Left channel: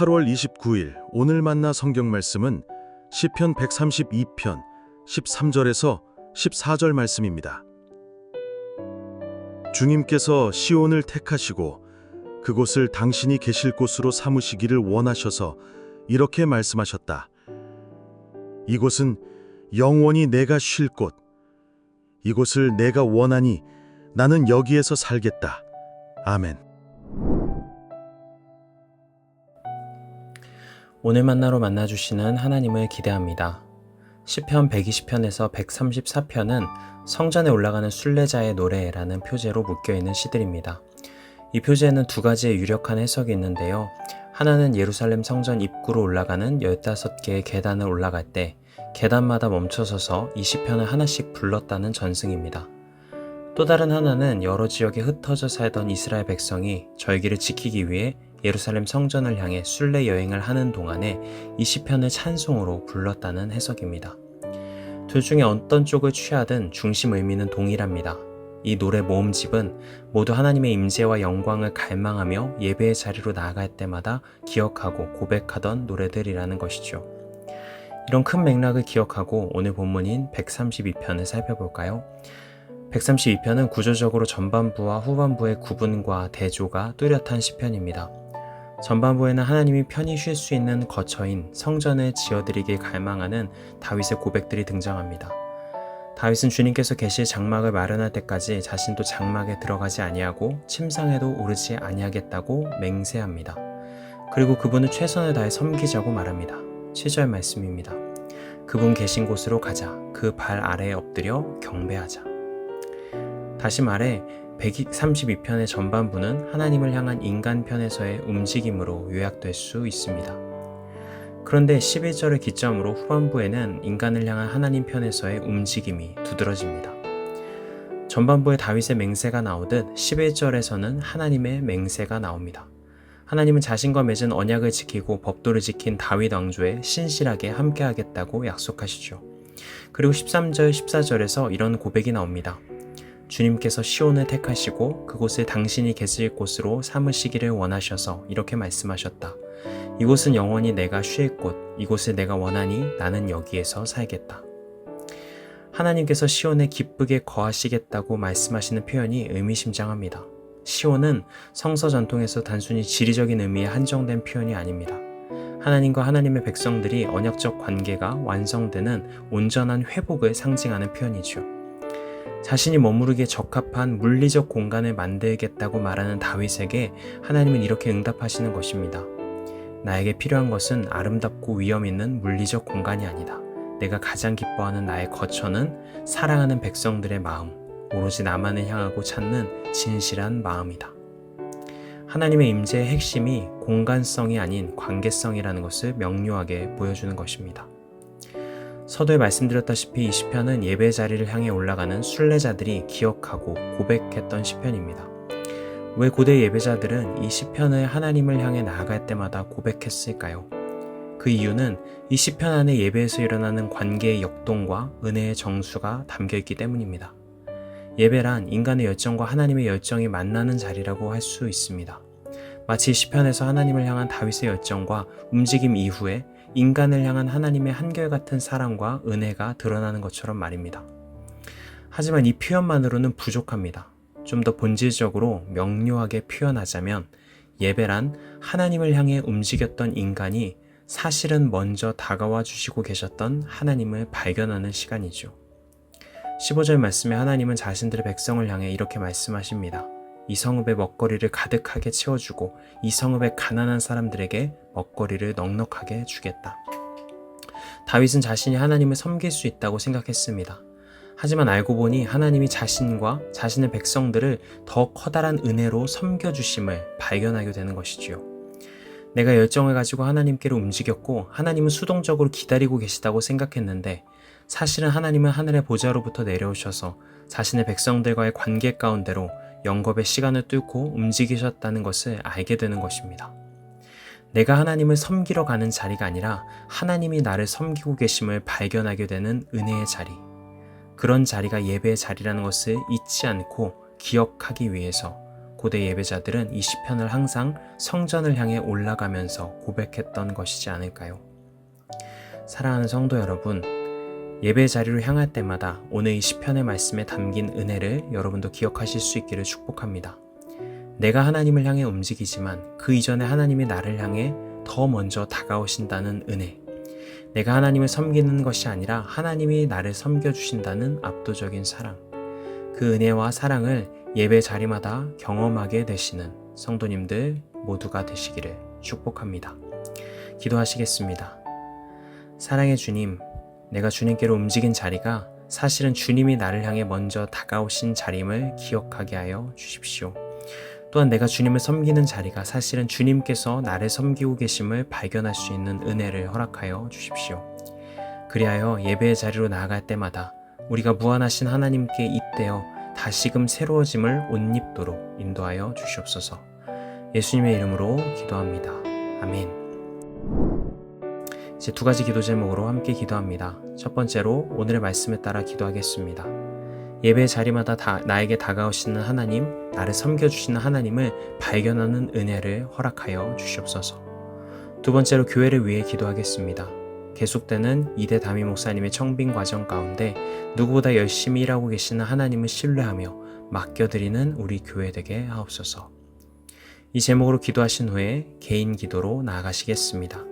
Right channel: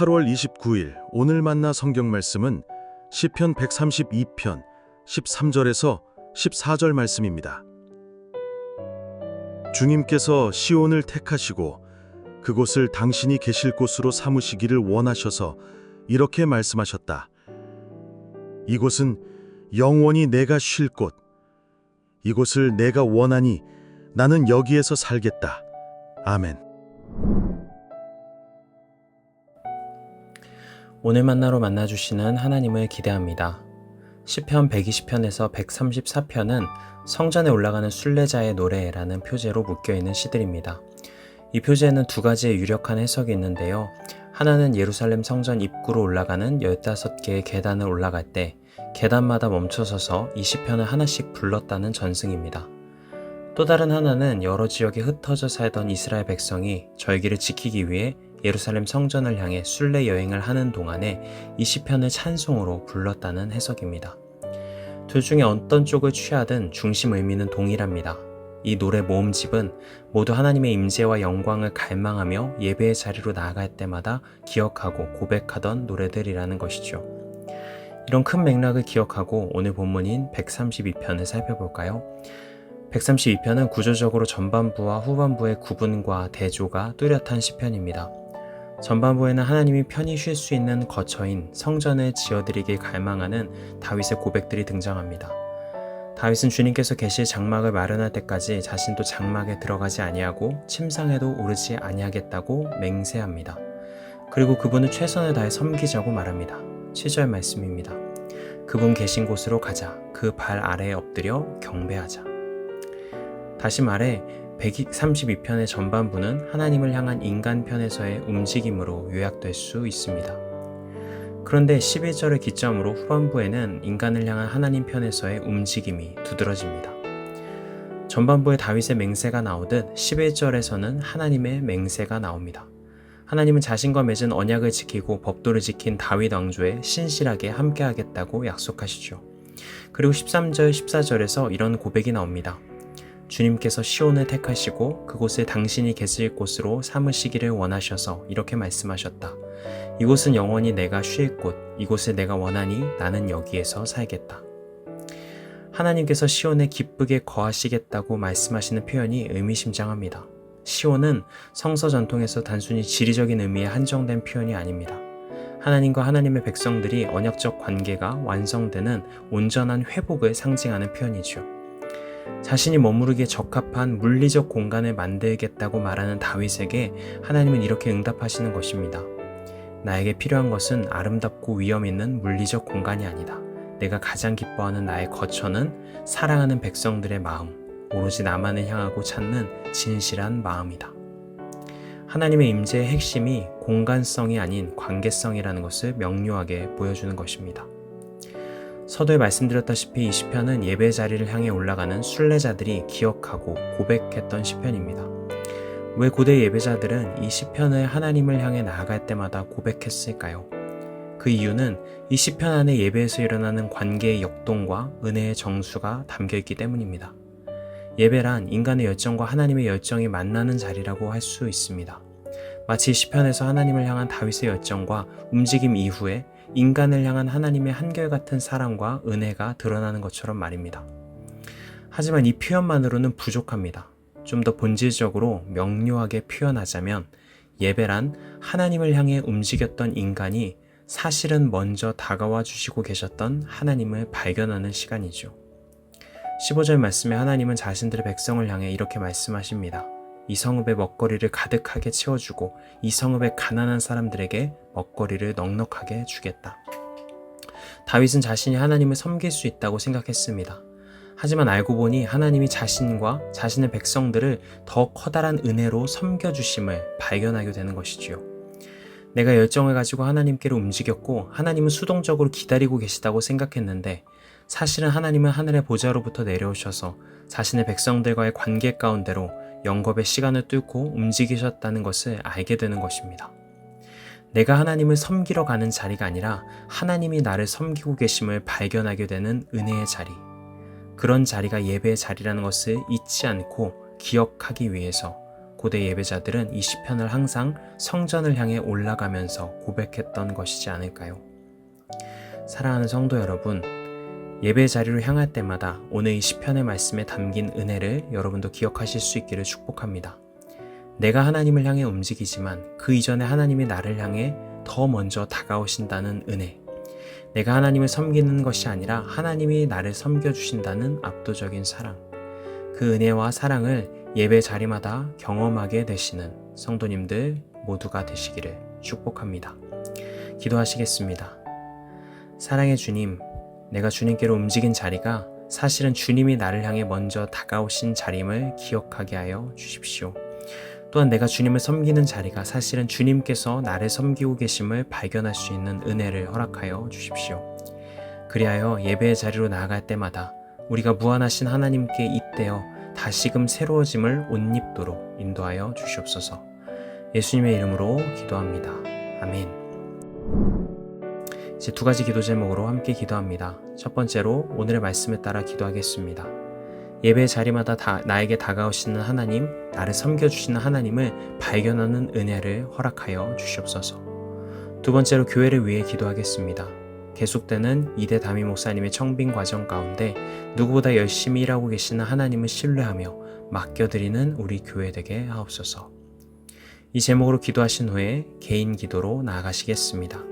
8월 29일 오늘 만나 성경 말씀은 시편 132편 13절에서 14절 말씀입니다. 주님께서 시온을 택하시고 그곳을 당신이 계실 곳으로 삼으시기를 원하셔서 이렇게 말씀하셨다. 이곳은 영원히 내가 쉴 곳, 이곳을 내가 원하니 나는 여기에서 살겠다. 아멘. 오늘 만나로 만나주시는 하나님을 기대합니다. 시편 120편에서 134편은 성전에 올라가는 순례자의 노래라는 표제로 묶여있는 시들입니다. 이 표제에는 두 가지의 유력한 해석이 있는데요. 하나는 예루살렘 성전 입구로 올라가는 15개의 계단을 올라갈 때 계단마다 멈춰서서 이 시편을 하나씩 불렀다는 전승입니다. 또 다른 하나는 여러 지역에 흩어져 살던 이스라엘 백성이 절기를 지키기 위해 예루살렘 성전을 향해 순례 여행을 하는 동안에 이 시편을 찬송으로 불렀다는 해석입니다. 둘 중에 어떤 쪽을 취하든 중심 의미는 동일합니다. 이 노래 모음집은 모두 하나님의 임재와 영광을 갈망하며 예배의 자리로 나아갈 때마다 기억하고 고백하던 노래들이라는 것이죠. 이런 큰 맥락을 기억하고 오늘 본문인 132편을 살펴볼까요? 132편은 구조적으로 전반부와 후반부의 구분과 대조가 뚜렷한 시편입니다. 전반부에는 하나님이 편히 쉴 수 있는 거처인 성전을 지어드리길 갈망하는 다윗의 고백들이 등장합니다. 다윗은 주님께서 계실 장막을 마련할 때까지 자신도 장막에 들어가지 아니하고 침상에도 오르지 아니하겠다고 맹세합니다. 그리고 그분을 최선을 다해 섬기자고 말합니다. 7절 말씀입니다. 그분 계신 곳으로 가자. 그 발 아래에 엎드려 경배하자. 다시 말해 132편의 전반부는 하나님을 향한 인간 편에서의 움직임으로 요약될 수 있습니다. 그런데 11절을 기점으로 후반부에는 인간을 향한 하나님 편에서의 움직임이 두드러집니다. 전반부에 다윗의 맹세가 나오듯 11절에서는 하나님의 맹세가 나옵니다. 하나님은 자신과 맺은 언약을 지키고 법도를 지킨 다윗 왕조에 신실하게 함께하겠다고 약속하시죠. 그리고 13절, 14절에서 이런 고백이 나옵니다. 주님께서 시온을 택하시고 그곳을 당신이 계실 곳으로 삼으시기를 원하셔서 이렇게 말씀하셨다. 이곳은 영원히 내가 쉴 곳, 이곳을 내가 원하니 나는 여기에서 살겠다. 하나님께서 시온에 기쁘게 거하시겠다고 말씀하시는 표현이 의미심장합니다. 시온은 성서 전통에서 단순히 지리적인 의미에 한정된 표현이 아닙니다. 하나님과 하나님의 백성들이 언약적 관계가 완성되는 온전한 회복을 상징하는 표현이죠. 자신이 머무르기에 적합한 물리적 공간을 만들겠다고 말하는 다윗에게 하나님은 이렇게 응답하시는 것입니다. 나에게 필요한 것은 아름답고 위험 있는 물리적 공간이 아니다. 내가 가장 기뻐하는 나의 거처는 사랑하는 백성들의 마음, 오로지 나만을 향하고 찾는 진실한 마음이다. 하나님의 임재의 핵심이 공간성이 아닌 관계성이라는 것을 명료하게 보여주는 것입니다. 서두에 말씀드렸다시피 이 시편은 예배 자리를 향해 올라가는 순례자들이 기억하고 고백했던 시편입니다. 왜 고대 예배자들은 이 시편을 하나님을 향해 나아갈 때마다 고백했을까요? 그 이유는 이 시편 안에 예배에서 일어나는 관계의 역동과 은혜의 정수가 담겨있기 때문입니다. 예배란 인간의 열정과 하나님의 열정이 만나는 자리라고 할 수 있습니다. 마치 시편에서 하나님을 향한 다윗의 열정과 움직임 이후에 인간을 향한 하나님의 한결같은 사랑과 은혜가 드러나는 것처럼 말입니다. 하지만 이 표현만으로는 부족합니다. 좀 더 본질적으로 명료하게 표현하자면 예배란 하나님을 향해 움직였던 인간이 사실은 먼저 다가와 주시고 계셨던 하나님을 발견하는 시간이죠. 15절 말씀에 하나님은 자신들의 백성을 향해 이렇게 말씀하십니다. 이 성읍의 먹거리를 가득하게 채워주고 이 성읍의 가난한 사람들에게 먹거리를 넉넉하게 주겠다. 다윗은 자신이 하나님을 섬길 수 있다고 생각했습니다. 하지만 알고 보니 하나님이 자신과 자신의 백성들을 더 커다란 은혜로 섬겨주심을 발견하게 되는 것이지요. 내가 열정을 가지고 하나님께로 움직였고 하나님은 수동적으로 기다리고 계시다고 생각했는데 사실은 하나님은 하늘의 보좌로부터 내려오셔서 자신의 백성들과의 관계 가운데로 영겁의 시간을 뚫고 움직이셨다는 것을 알게 되는 것입니다. 내가 하나님을 섬기러 가는 자리가 아니라 하나님이 나를 섬기고 계심을 발견하게 되는 은혜의 자리. 그런 자리가 예배의 자리라는 것을 잊지 않고 기억하기 위해서 고대 예배자들은 이 시편을 항상 성전을 향해 올라가면서 고백했던 것이지 않을까요? 사랑하는 성도 여러분, 예배 자리로 향할 때마다 오늘 이 시편의 말씀에 담긴 은혜를 여러분도 기억하실 수 있기를 축복합니다. 내가 하나님을 향해 움직이지만 그 이전에 하나님이 나를 향해 더 먼저 다가오신다는 은혜. 내가 하나님을 섬기는 것이 아니라 하나님이 나를 섬겨주신다는 압도적인 사랑. 그 은혜와 사랑을 예배 자리마다 경험하게 되시는 성도님들 모두가 되시기를 축복합니다. 기도하시겠습니다. 사랑의 주님, 내가 주님께로 움직인 자리가 사실은 주님이 나를 향해 먼저 다가오신 자림을 기억하게 하여 주십시오. 또한 내가 주님을 섬기는 자리가 사실은 주님께서 나를 섬기고 계심을 발견할 수 있는 은혜를 허락하여 주십시오. 그리하여 예배의 자리로 나아갈 때마다 우리가 무한하신 하나님께 잇대어 다시금 새로워짐을 옷 입도록 인도하여 주시옵소서. 예수님의 이름으로 기도합니다. 아멘. 이제 두 가지 기도 제목으로 함께 기도합니다. 첫 번째로 오늘의 말씀에 따라 기도하겠습니다. 예배 자리마다 나에게 다가오시는 하나님, 나를 섬겨주시는 하나님을 발견하는 은혜를 허락하여 주시옵소서. 두 번째로 교회를 위해 기도하겠습니다. 계속되는 이대 담임 목사님의 청빙 과정 가운데 누구보다 열심히 일하고 계시는 하나님을 신뢰하며 맡겨드리는 우리 교회 되게 하옵소서. 이 제목으로 기도하신 후에 개인 기도로 나아가시겠습니다.